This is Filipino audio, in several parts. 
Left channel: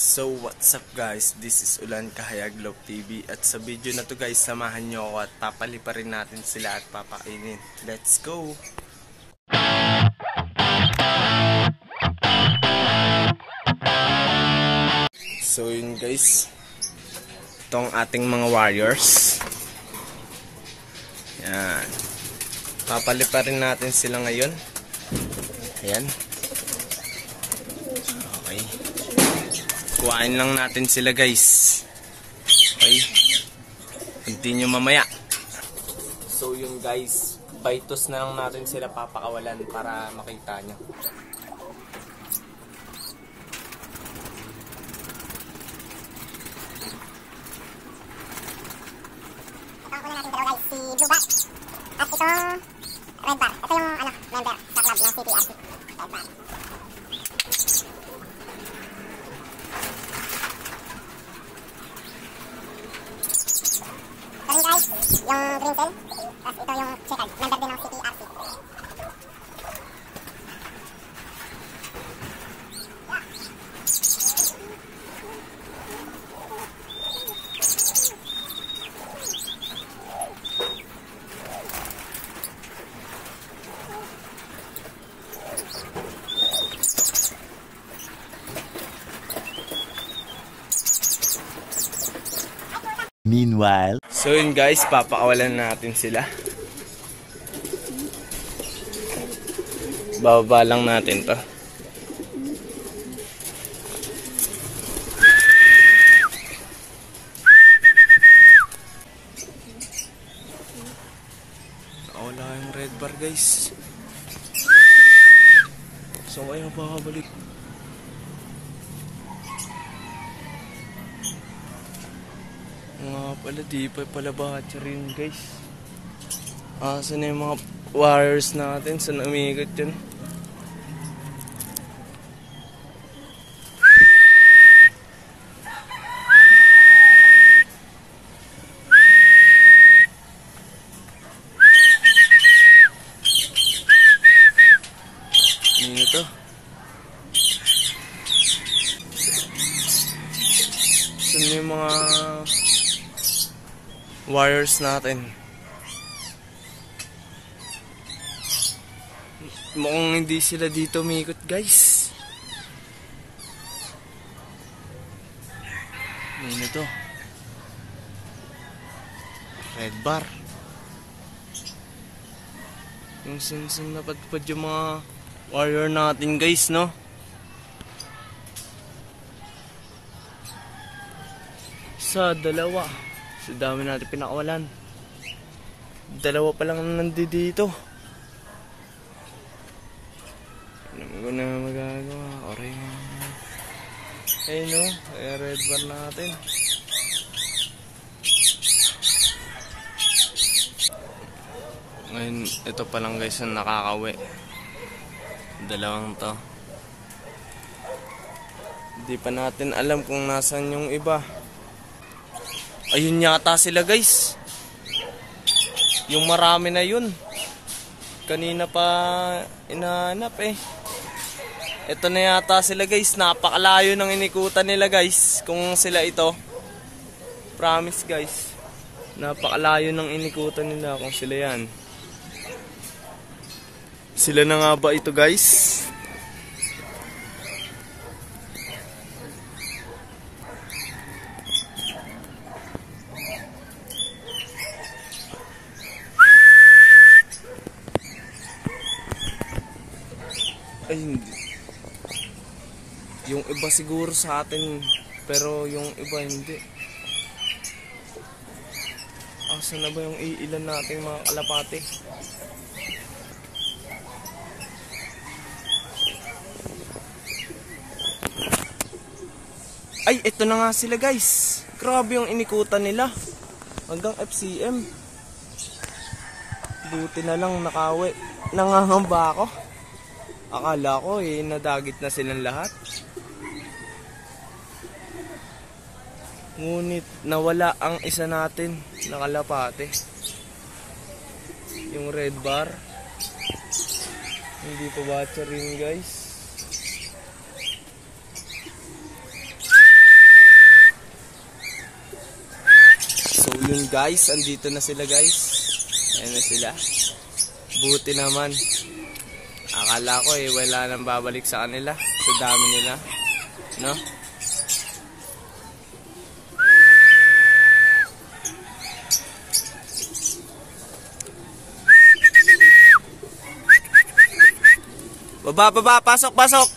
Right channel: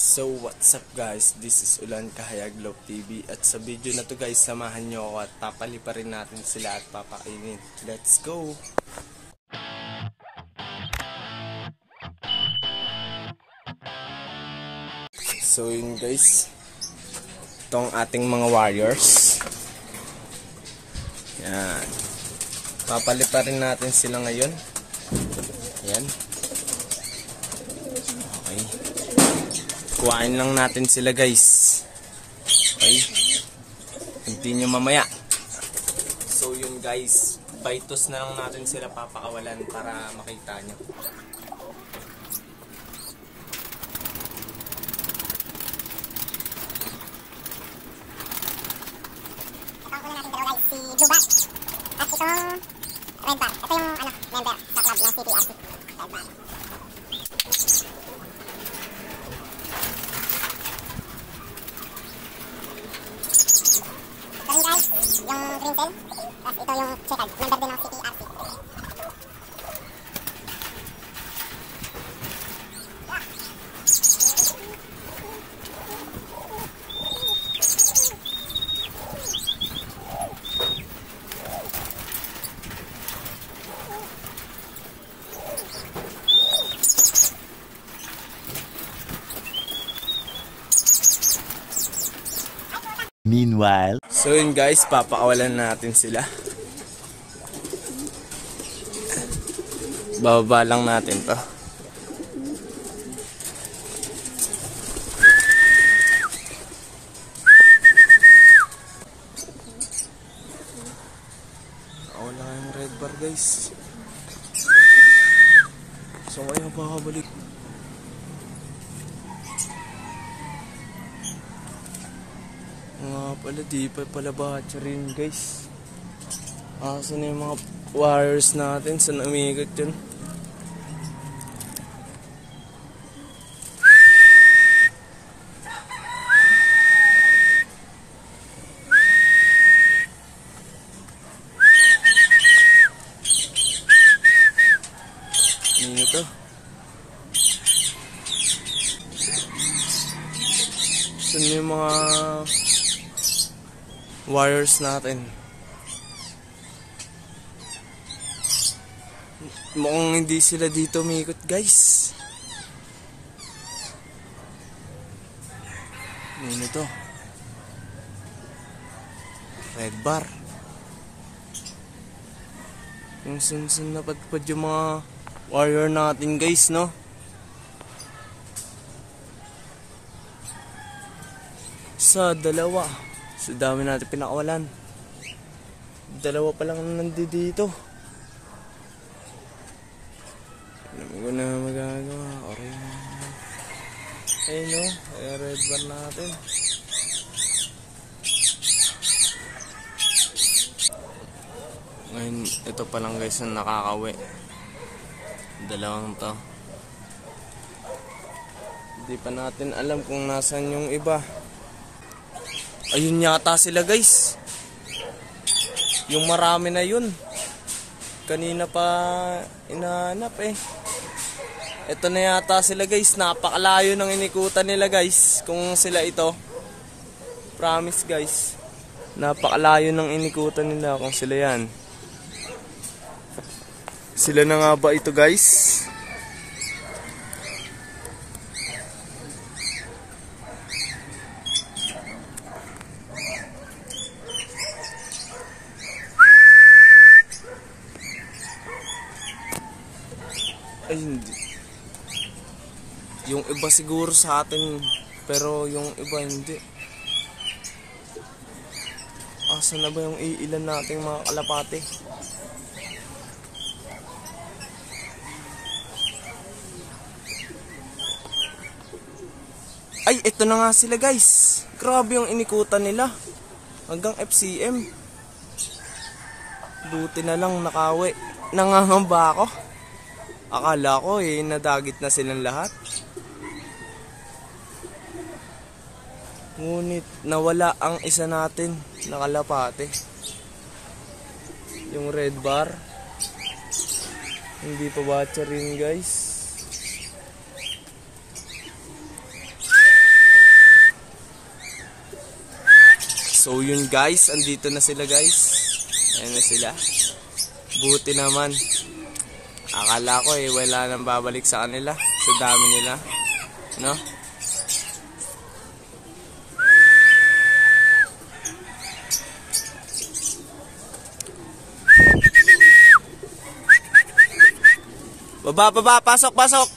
So what's up guys, this is Ulan Kahayag Love TV. At sa video na to guys, samahan nyo ako at papaliparin natin sila at papakainin. Let's go! So yun guys, itong ating mga warriors. Yan, papaliparin natin sila ngayon. Ayan. Okay, kuhain lang natin sila guys. Okay, continue mamaya. So yun guys, baitos na lang natin sila papakawalan para makita nyo. Ito ang una natin dalawa guys, si Blue Bat at itong Red Bar. Ito yung member sa club ng CPRC, Red Bar. Ito rin guys, yung green cell. Tapos ito yung checkered, member din ng CPRC. Meanwhile, so yun guys, papakawalan natin sila. Bababa lang natin to. Wala yung red bar guys. So kaya babalik. Nga pala, di pa pala batch rin guys. Saan yung mga wires natin? Saan umikot yun? Ano to? Saan yung mga wires natin? Mukhang hindi sila dito umikot guys. Ano to? Red bar. Yung sunsun na padpad yung mga wire natin guys, no? Sa dalawa. So dami natin pinakawalan. Dalawa pa lang nandito. Alam ko na magagawa. Orange. Ayun no, ay red bar natin. Ngayon, ito pa lang guys ang nakakawi. Dalawang to. Hindi pa natin alam kung nasan yung iba. Ayun yata sila guys. Yung marami na yun. Kanina pa inahanap eh. Ito na yata sila guys. Napakalayo ng inikutan nila guys. Kung sila ito. Promise guys. Napakalayo ng inikutan nila kung sila yan. Sila na nga ba ito guys? Ay hindi. Yung iba siguro sa atin, pero yung iba hindi. Asan na ba yung iilan nating mga kalapate? Ay, ito na nga sila guys. Grabe yung inikutan nila. Hanggang FCM. Buti na lang nakawi. Nangangamba ako. Akala ko nadagit na silang lahat. Ngunit nawala ang isa natin na kalapate. Yung red bar. Hindi pa batcha rin guys. So yun guys, andito na sila guys. Ayan na sila. Buti naman. Akala ko wala nang babalik sa kanila. Sa dami nila. No? Baba, pasok.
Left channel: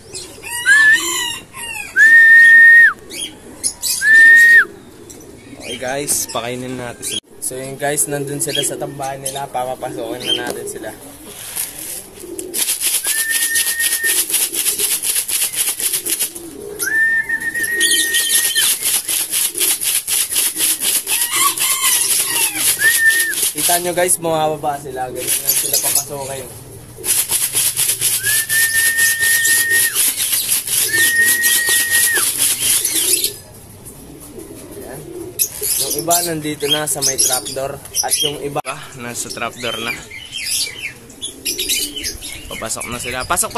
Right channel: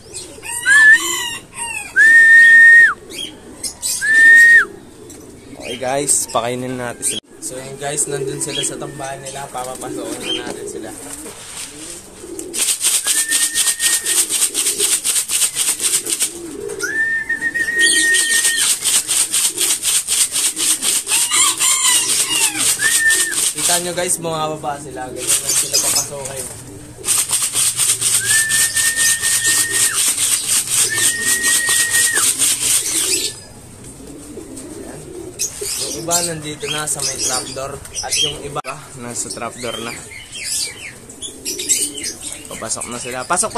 Okay guys, pakainin natin sila. So yun guys, nandun sila sa tambahan nila. Papapasokin na natin sila. Kita nyo guys, bumababa sila. Ganyan lang sila papasokin. Yung iba nandito na sa may trapdoor at yung iba nasa trapdoor na. Papasok na sila. Pasok!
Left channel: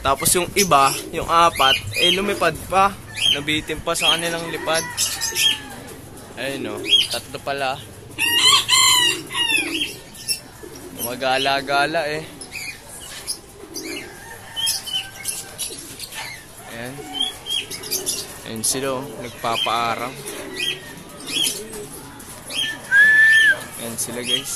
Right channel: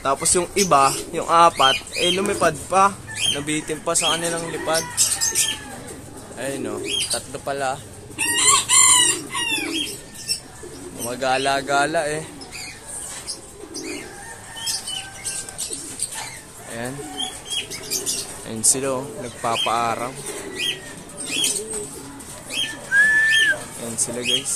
Tapos yung iba, yung apat, lumipad pa. Nabitin pa sa kanilang lipad. Ayun o, tatlo pala. Magala-gala Ayan. Ayun sila nagpapaaraw. Ayan sila guys.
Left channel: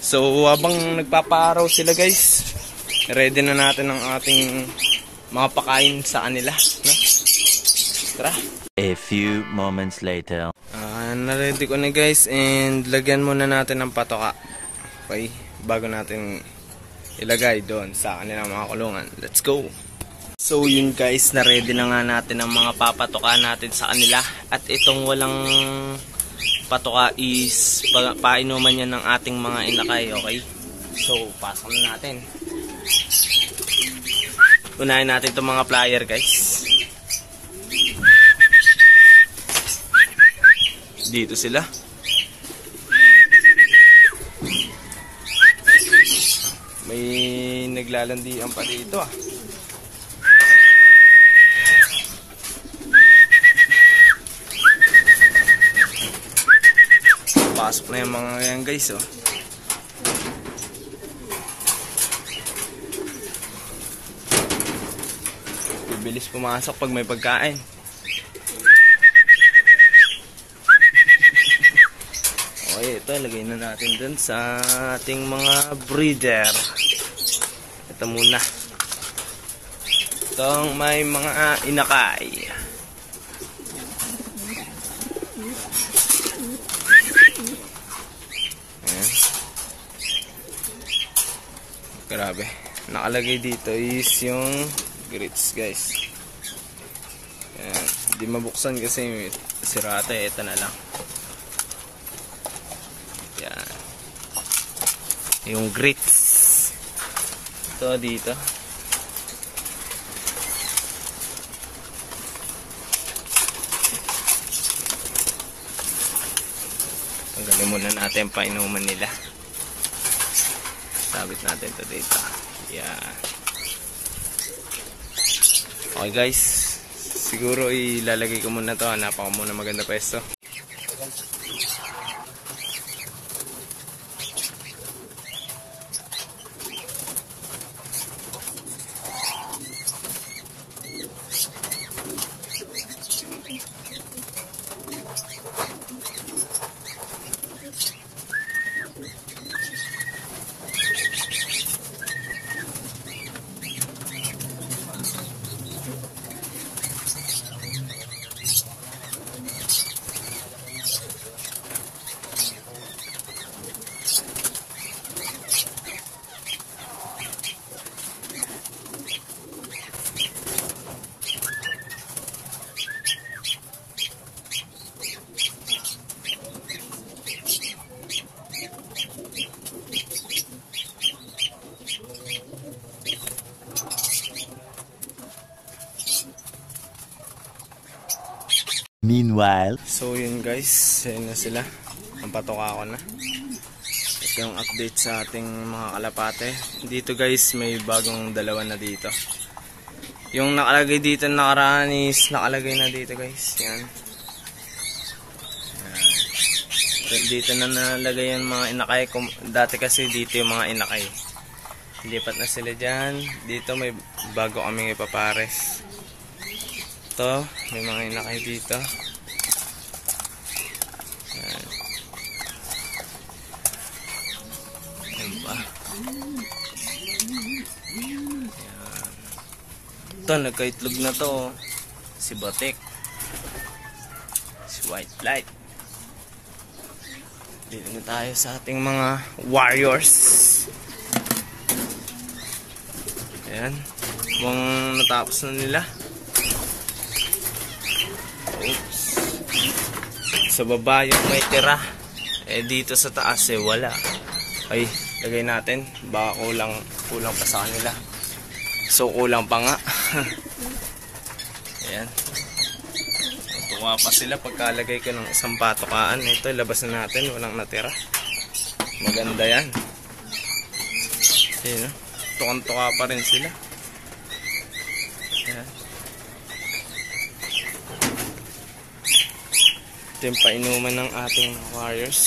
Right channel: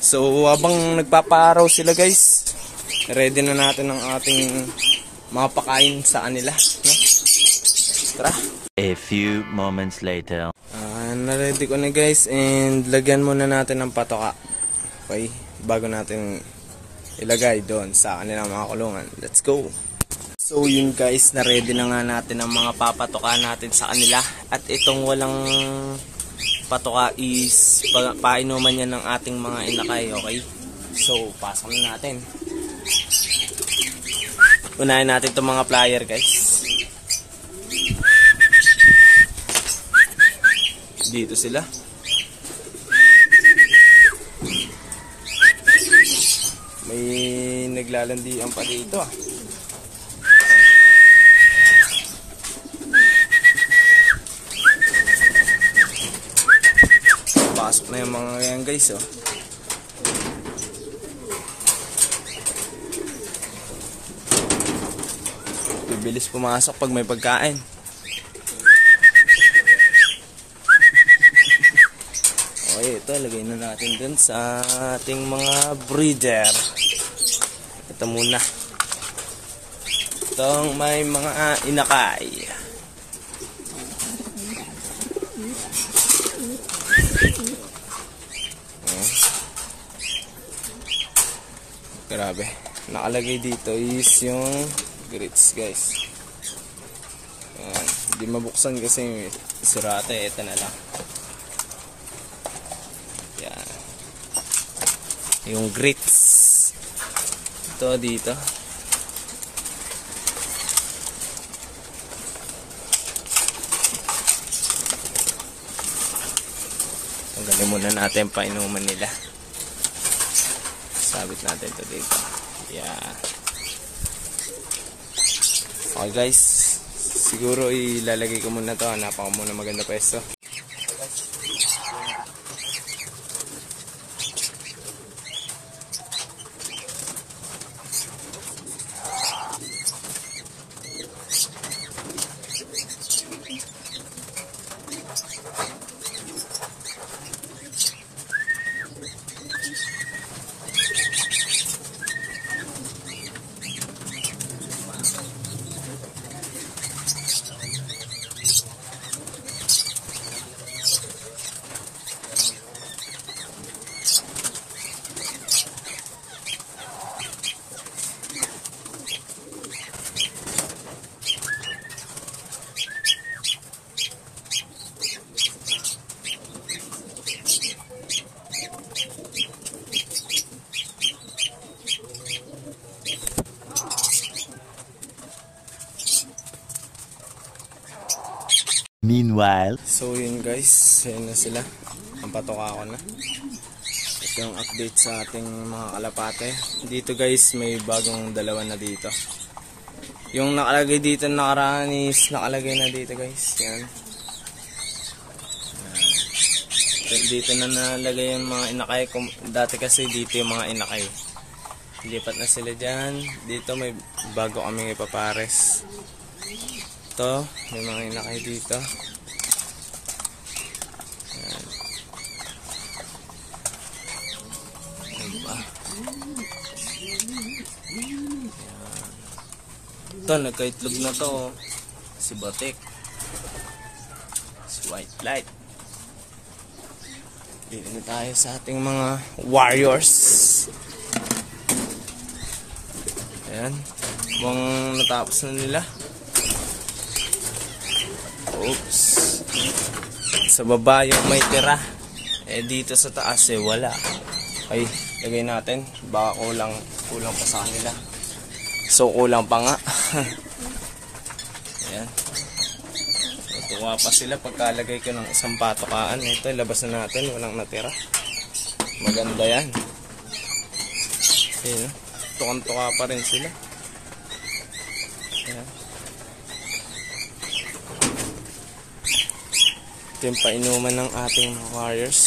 So habang nagpapaaraw sila guys, ready na natin ang ating mga pakain sa kanila, no? Tara. A few moments later. Na-ready ko na guys, and lagyan muna natin ng patoka. Okay, bago natin ilagay doon sa kanilang mga kulungan. Let's go! So yun guys, na-ready na nga natin ang mga papatoka natin sa kanila. At itong walang patoka is painuman yan ng ating mga inakay, okay? So, pasok na natin. Unahin natin itong mga plier guys. Dito sila. May naglalandian pa dito Pasok na yung mga yan guys Bibilis pumasok pag may pagkain. Okay, ito lagay na natin dun sa ating mga breeder. Ito muna. Itong may mga inakay. Ayan. Grabe. Nakalagay dito is yung grits guys. Ayan. Hindi mabuksan kasi sirata. Ito na lang. Yan. Yung grits. Ito dito. Tanggalin muna natin painuman nila. Sabit natin ito dito. Yan. Okay guys. Siguro ilalagay ko muna ito. Hanapan ko muna maganda pwesto. Meanwhile, so yun guys, ayun na sila. Ang patoka ko na. Ito yung update sa ating mga kalapate. Dito guys, may bagong dalawa na dito. Yung nakalagay dito nakaraan is nakalagay na dito guys. Yan. Dito na nalagay yung mga inakay. Dati kasi dito yung mga inakay. Lipat na sila dyan. Dito may bago kaming ipapares. Ito, may mga inakay dito. Yan. Yan pa. Yan. Ito, nagkaitlog na to. Si Botek. Si White Light. Dito na tayo sa ating mga warriors. Ayan. Mukhang natapos na nila. Oops. Sa baba yung may tira. Eh dito sa taas eh wala. Ay, lagay natin. Baka kulang pa sa kanila. So kulang pa nga. Ayan. Tuwa pa sila pagkalagay ko ng isang patokaan. Ito, labas na natin. Walang natira. Maganda yan. Ayan, no? Tukang-tuka pa rin sila. Ayan. Ito yung painuman ng ating warriors.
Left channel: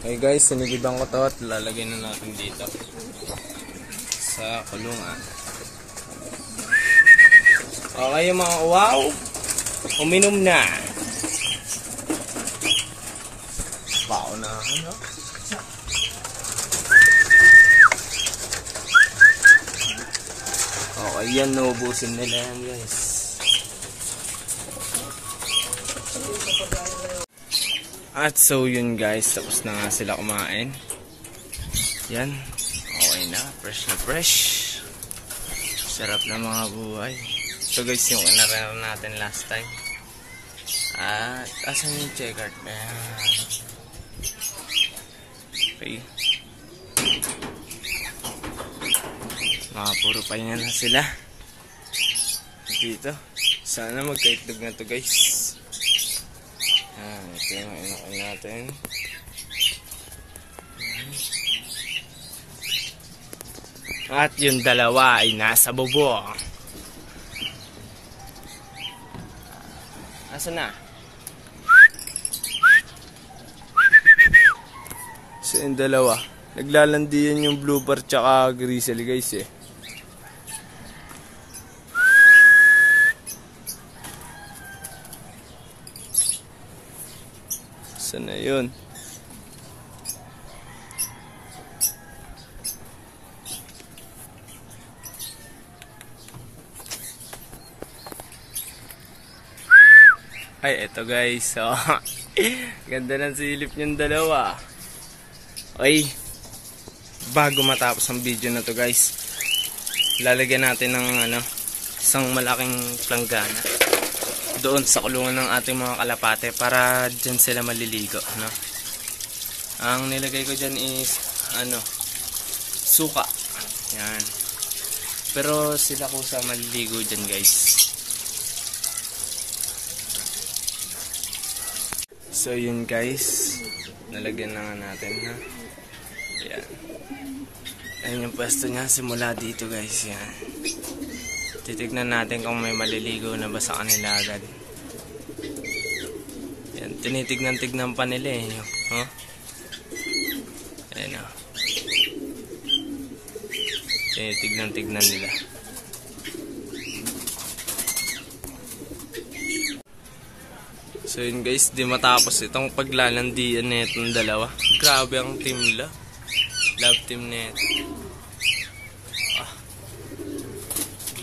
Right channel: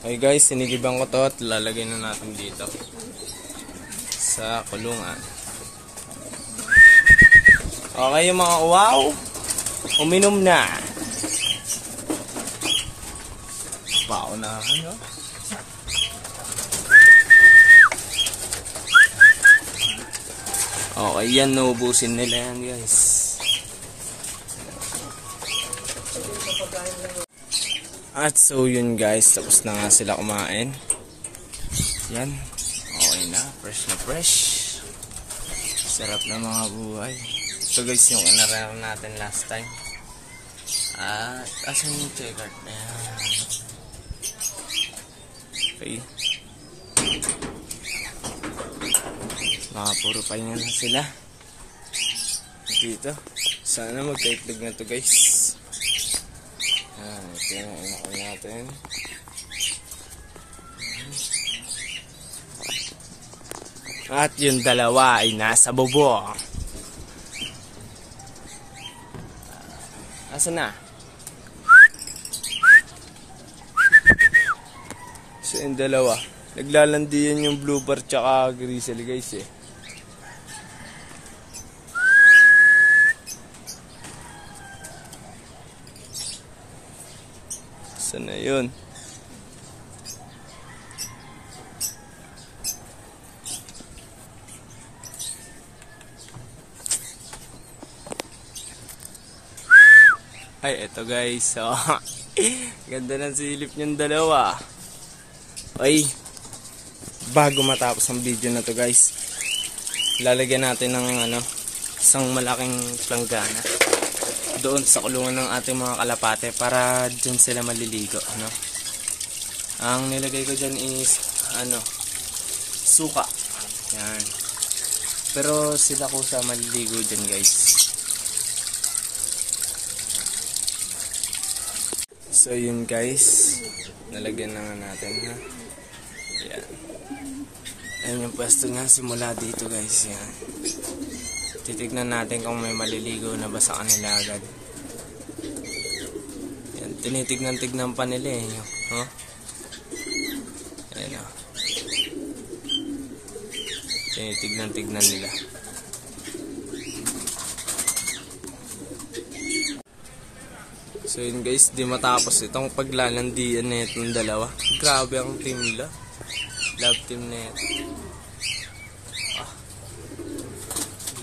Okay guys, sinigiban ko to at lalagay na natin dito. Sa kulungan. Okay mga wow, uminom na. Paunahan, no? Okay, yan, naubusin nila yan guys. At so yun guys, tapos na nga sila kumain. Yan, okay na, fresh. Sarap na mga buhay. So guys, yung inaram natin last time. At asan yung checkered na yan? Okay. Mga puro pahinga na sila. Dito. Sana magkaitlog na to guys. Ito yung inakal natin. At yung dalawa ay nasa bubong. Asan na? So yung dalawa. Naglalandiyan yung blue bar tsaka grizzly guys eh. Saan na yun? Ay, eto guys. So, ganda ng silip niyong dalawa. Okay. Bago matapos ang video na to guys, lalagyan natin ng isang malaking planggana doon sa kulungan ng ating mga kalapate para dyan sila maliligo, no? Ang nilagay ko dyan is suka. Yan. Pero sila ko sa maliligo dyan guys. So yun guys, nalagyan na nga natin, ha. Ayan. Ayan yung pwesto niya simula dito guys. Yan. Titignan natin kung may maliligo na ba sa kanila agad. Yan. Tinitignan-tignan pa nila eh. Huh? Ayan o. Tinitignan-tignan nila. So yun guys, di matapos itong paglalandian na itong dalawa. Grabe ang team nila. Love team na ito.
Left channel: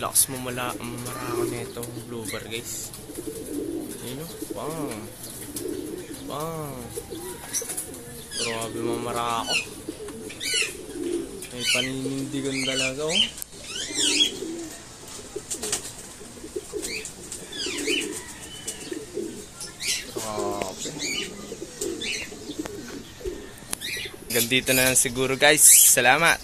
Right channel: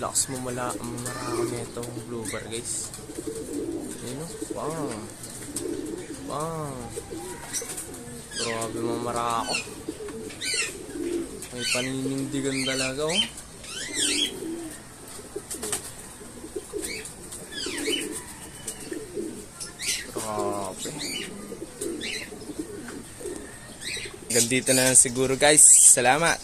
Lakas mo marako na itong blue bar guys. Yun o. Bang. Bang. Grabe mo marako. May paninindigan talaga o. Gandito na lang siguro guys. Salamat.